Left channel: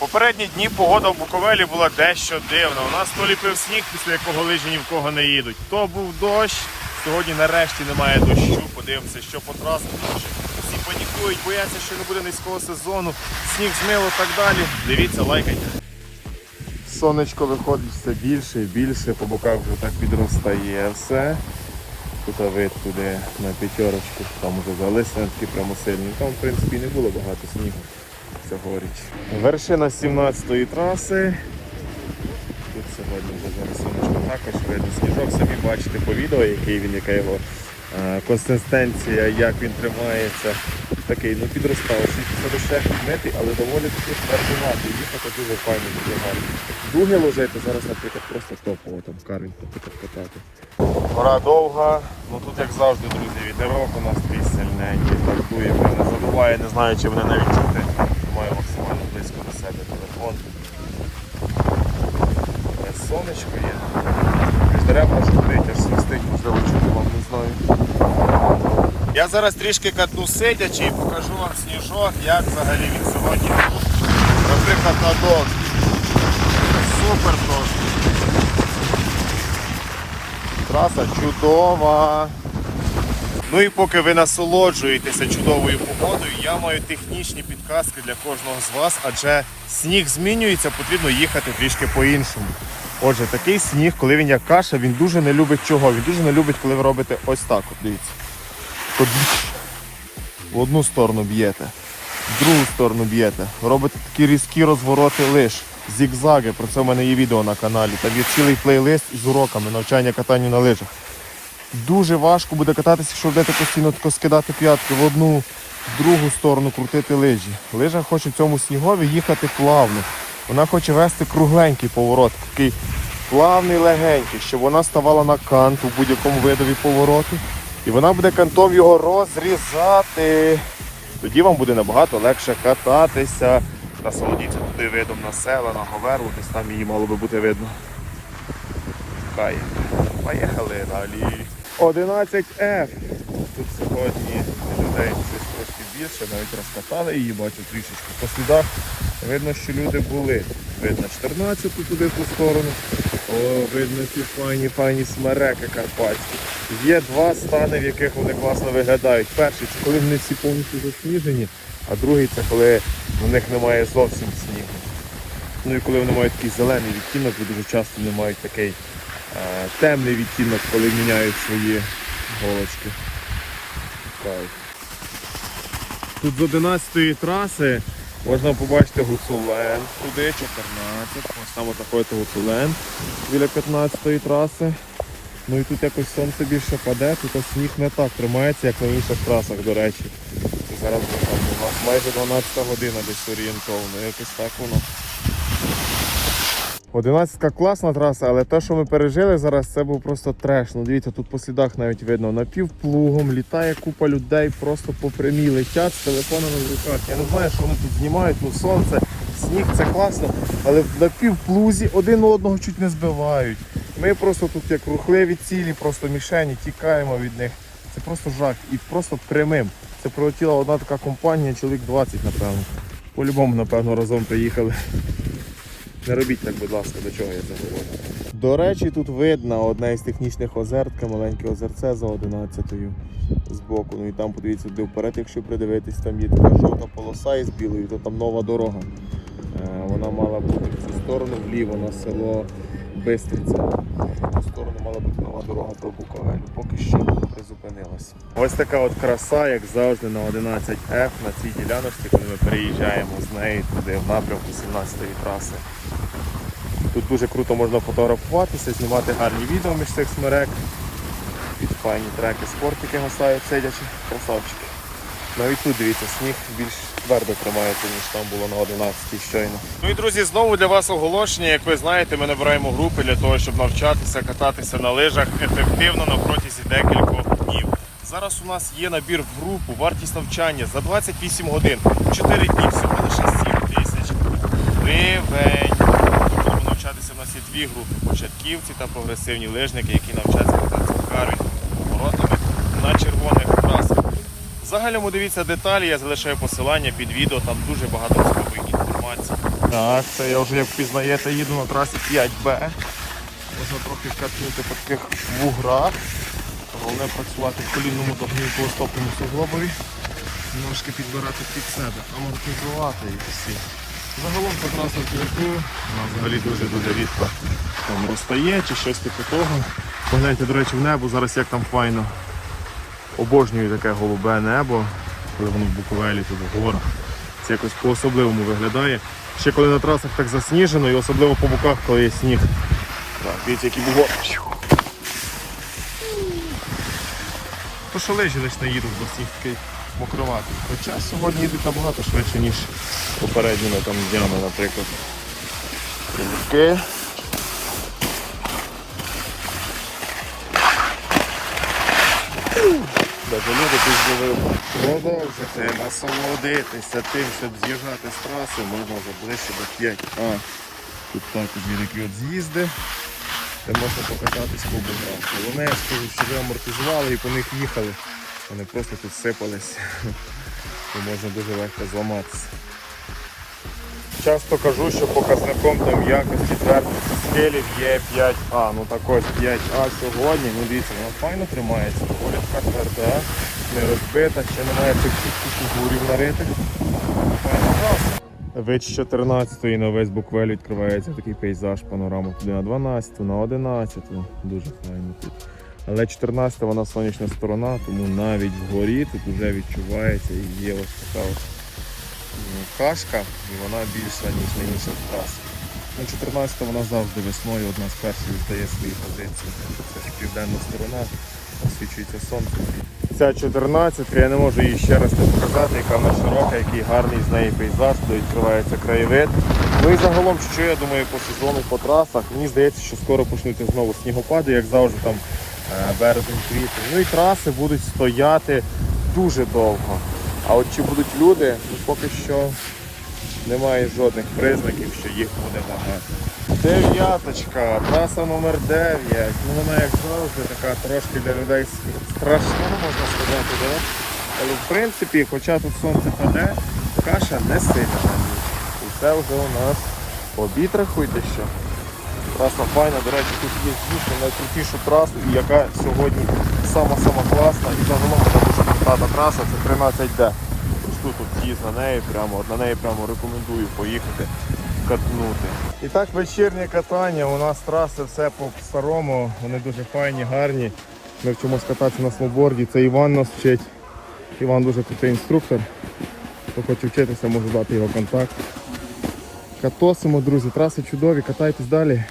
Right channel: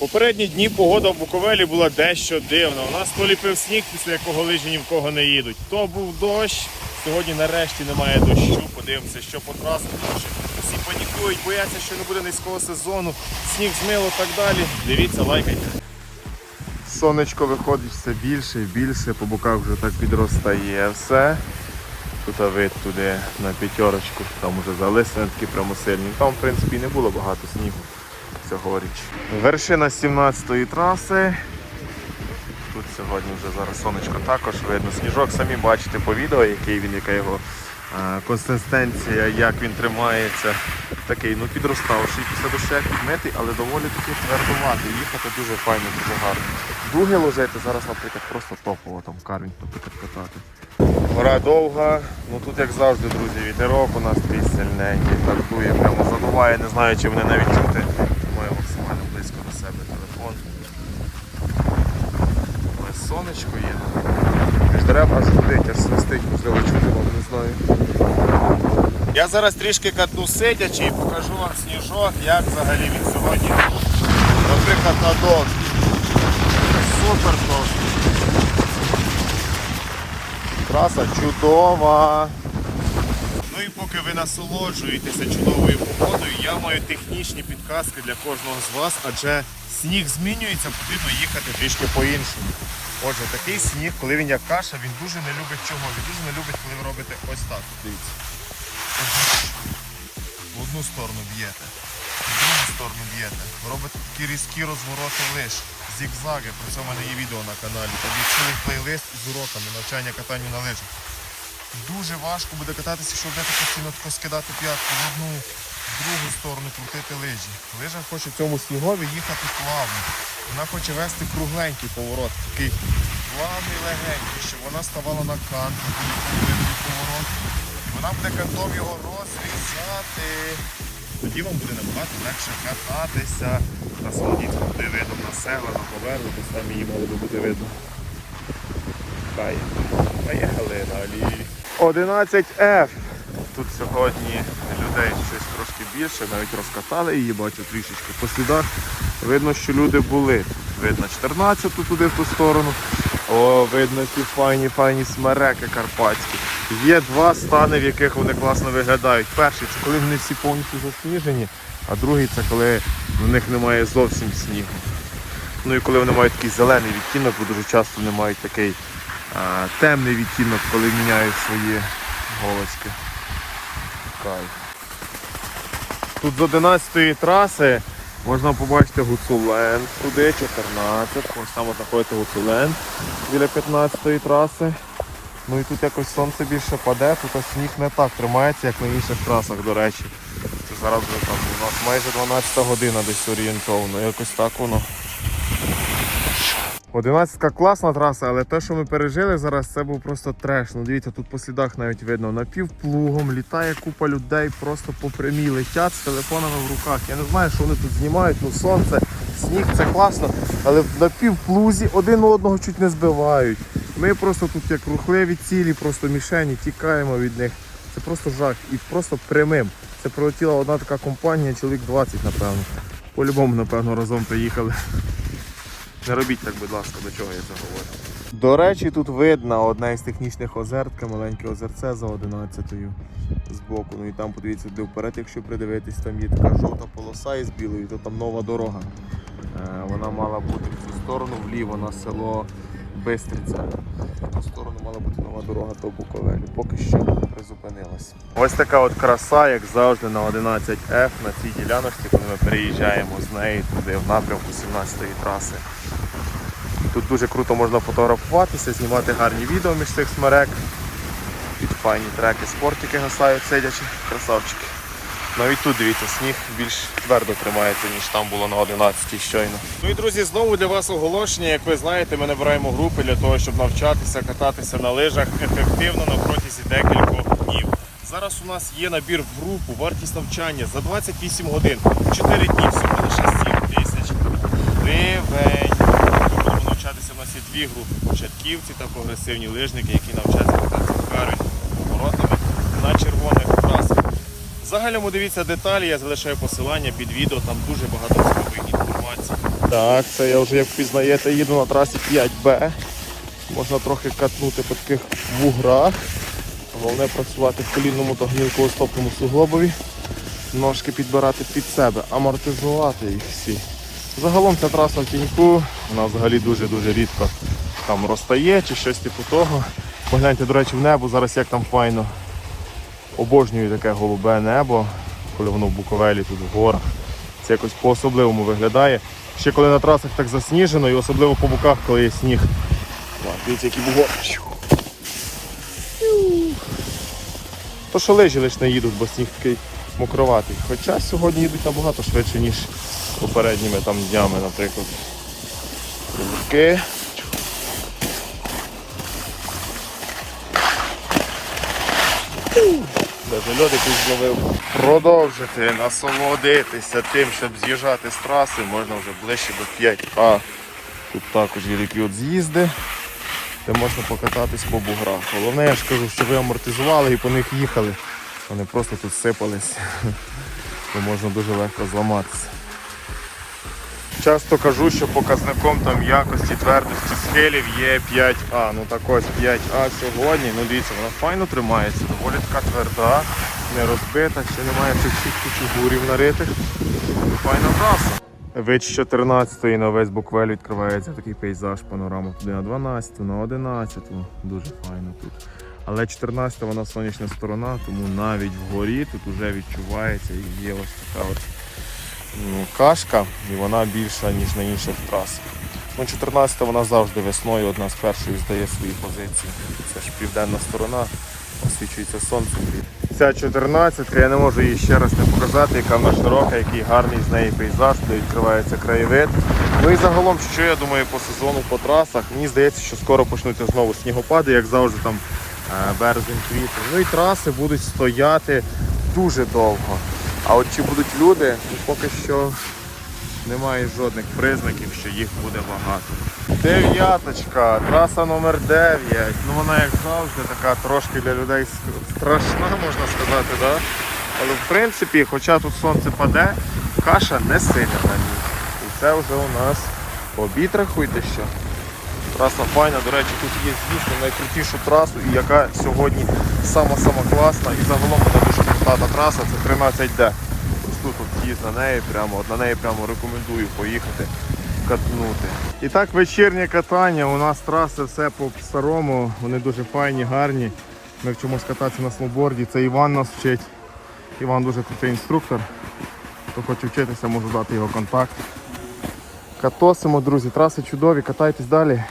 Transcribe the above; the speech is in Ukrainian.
Попередні дні погода в Буковелі була дещо дивна. У нас то ліпив сніг, після якого лижі ні в кого не їдуть. То був дощ. Сьогодні нарешті немає дощу. Подивимося, що по трасі. Тому всі панікують, бояться, що не буде низького сезону. Сніг змило так далі. Дивіться, лайкайте. Сонечко виходить все більше і більше, по боках вже так підростає все. Тут вид туди на п'ятерочку, там уже залисне такі прямо сильні. Там, в принципі, не було багато снігу цьогоріч. Вершина 17-ї траси. Тут сьогодні вже зараз сонечко також видно. Сніжок самі бачите по відео, який він, яка його е, консистенція, як він тримається. Такий, ну підростав, ще лише підмети, але доволі таки твердувати. Їхати дуже файно. Дуги лежать, зараз, наприклад, просто топово там карвінь катати. Гора довга, ну тут як завжди, друзі, вітерок у нас сильненький, так прямо задуває, не знаю, чи вони навіть чути. Маю максимально близько до телефон. Ось сонечко є. Між деревами свистить, можливо, чути вам, не знаю. Я зараз трішки катну сидячи і покажу вам сніжок, як взагалі він сьогодні. Наприклад, на док. Супер просто. Траса чудова. Ну і поки ви насолоджуєтеся чудовою погодою, я маю технічні підказки для кожного з вас, адже сніг змінюється, потрібно їхати трішки по-іншому. Отже, такий сніг, коли він як каша, він дуже не любить чого. Він дуже не любить, коли ви робите ось так. От дивіться. От в одну сторону б'єте, в другу сторону б'єте. Робите такі різкі розвороти лиш, зігзаги. Про це в мене є відео на каналі. Там є цілий плейлист з уроками навчання катанню на лижах. Дуже важко буде кататися, якщо будете постійно тако скидати п'ятки в одну, в другу сторону, крутити лижі. Лижа хоче в цьому снігові їхати плавно. Вона хоче вести кругленький поворот, такий плавний, легенький, щоб вона ставала на кант у будь-якому видові повороту. І вона буде кантом його розрізати. Тоді вам буде набагато легше кататися. Насолодіться туди видом на села, на говеру, десь там її мало би бути видно. Хай. Поїхали далі. 11F. Тут сьогодні людей трошки більше, навіть розкатали її, бачу трішечки. По слідах видно, що люди були. Видно 14 туди ту сторону. О, видно ці файні, файні смереки карпатські. Є два стани, в яких вони класно виглядають. Перший це коли вони всі повністю засніжені, а другий це коли в них немає зовсім снігу. Ну і коли вони мають такий зелений відтінок, бо дуже часто вони мають такий темний відтінок, коли міняють свої голочки. Тут з 11-ї траси можна побачити гуцулен туди, 14, ось там отакий гуцулен біля 15-ї траси. Ну і тут якось сонце більше паде, тут сніг не так тримається, як на інших трасах, до речі. Це зараз там майже 12 година десь орієнтовно, якось так воно. 11 класна траса, але те, що ми пережили зараз, це був просто треш. Ну дивіться, тут по слідах навіть видно напівплугом, літає купа людей, просто по прямій летять з телефонами в руках. Я не знаю, що вони тут знімають, ну сонце, сніг це класно, але напівплузі один одного чуть не збивають. Ми просто тут як рухливі цілі, просто мішені, тікаємо від них. Це просто жах. І просто прямим. Це прилетіла одна така компанія, чоловік 20, напевно. По-любому, напевно, разом приїхали. Не робіть так, будь ласка, до чого я це говорю. До речі, тут видно одне із технічних озер, таке маленьке озерце за 11-ю збоку. Ну і там подивіться туди вперед, якщо придивитись, там є така жовта полоса із білою, то там нова дорога. Е, Вона мала бути в цю сторону вліво на село Бистриця. В цю сторону мала бути нова дорога до Буковелі. Поки що призупинилась. Ось така от краса, як завжди, на 11F на цій діляночці, коли ми переїжджаємо з неї туди в напрямку 17-ї траси. Тут дуже круто можна фотографуватися, знімати гарні відео між цих смерек. Під файні треки, спортики гасають, сидячи, красавчики. Навіть тут дивіться, сніг більш твердо тримається, ніж там було на 11 щойно. Ну і друзі, знову для вас оголошення. Як ви знаєте, ми набираємо групи для того, щоб навчатися кататися на лижах ефективно на протязі декількох днів. Зараз у нас є набір в групу, вартість навчання за 28 годин, 4 дні, всього лише 7 тисяч гривень. Ми будемо навчатися. У нас є дві групи початківці та прогресивні лижники, які навчаться кататися в карі поворотами на червоних трасах. В загальному дивіться деталі, я залишаю посилання під відео, там дуже багато цікавої інформації. Так, це я вже як впізнаєте, їду на трасі 5Б. Можна трохи катнути по таких вуграх. Головне працювати в колінному та гнілково-стопному суглобові. Ножки підбирати під себе, амортизувати їх всі. Загалом ця траса в кільку, вона взагалі дуже-дуже рідко там розтає чи щось типу того. Погляньте, до речі, в небо, зараз як там файно. Обожнюю таке голубе небо, коли воно в Буковелі тут в горах. Це якось по-особливому виглядає. Ще коли на трасах так засніжено і особливо по боках, коли є сніг. Так, дивіться, який бугор. То що лижі лише не їдуть, бо сніг такий мокроватий. Хоча сьогодні їдуть набагато швидше, ніж попередніми там днями, наприклад. Трінки. Даже льодики зловив. Продовжити насолодитися тим, щоб з'їжджати з траси, можна вже ближче до 5А. Тут також є такі з'їзди, де можна покататись по буграх. Головне, я ж кажу, що ви амортизували і по них їхали. Вони просто тут сипались, то можна дуже легко зламатися. Часто кажу, що показником там якості твердих скелів є 5А. Ну так ось 5А сьогодні. Ну дивіться, вона файно тримається, доволі тверда, не розбита, ще немає цих всіх фігурів наритих. Файна траса. Вич 14 на весь буквель відкривається такий пейзаж, панорама туди на 12, на 11. Дуже файно тут. Але 14 вона сонячна сторона, тому навіть вгорі тут вже відчувається і є ось така от ну, кашка, і вона більша, ніж на інших трасах. Ну, 14 вона завжди весною одна з перших здає свої позиції. Це ж південна сторона, освічується сонце. Ця 14 я не можу її ще раз не показати, яка вона широка, який гарний з неї пейзаж, де відкривається краєвид. Ну і загалом, що я думаю по сезону, по трасах, мені здається, що скоро почнуться знову снігопади, як завжди там е, березень, квітень. Ну і траси будуть стояти дуже довго. А от чи будуть люди, ну поки що немає жодних признаків, що їх буде багато. Дев'яточка, траса номер 9. Ну вона як завжди така трошки для людей страшна, можна сказати, да? Але в принципі, хоча тут сонце паде, каша не буде. І це вже у нас обід, рахуйте що. Траса файна, до речі, тут є дійсно найкрутішу трасу, яка сьогодні сама-сама класна. І загалом вона дуже крута та траса, це 13D. Ось тут от їзд на неї прямо, на неї прямо рекомендую поїхати катнути. І так вечірнє катання. У нас траси все по старому, вони дуже файні, гарні. Ми вчимось кататися на сноуборді. Це Іван нас вчить. Іван дуже крутий інструктор. Хто хоче вчитися, можу дати його контакт. Катосимо, друзі, траси чудові, катайтесь далі.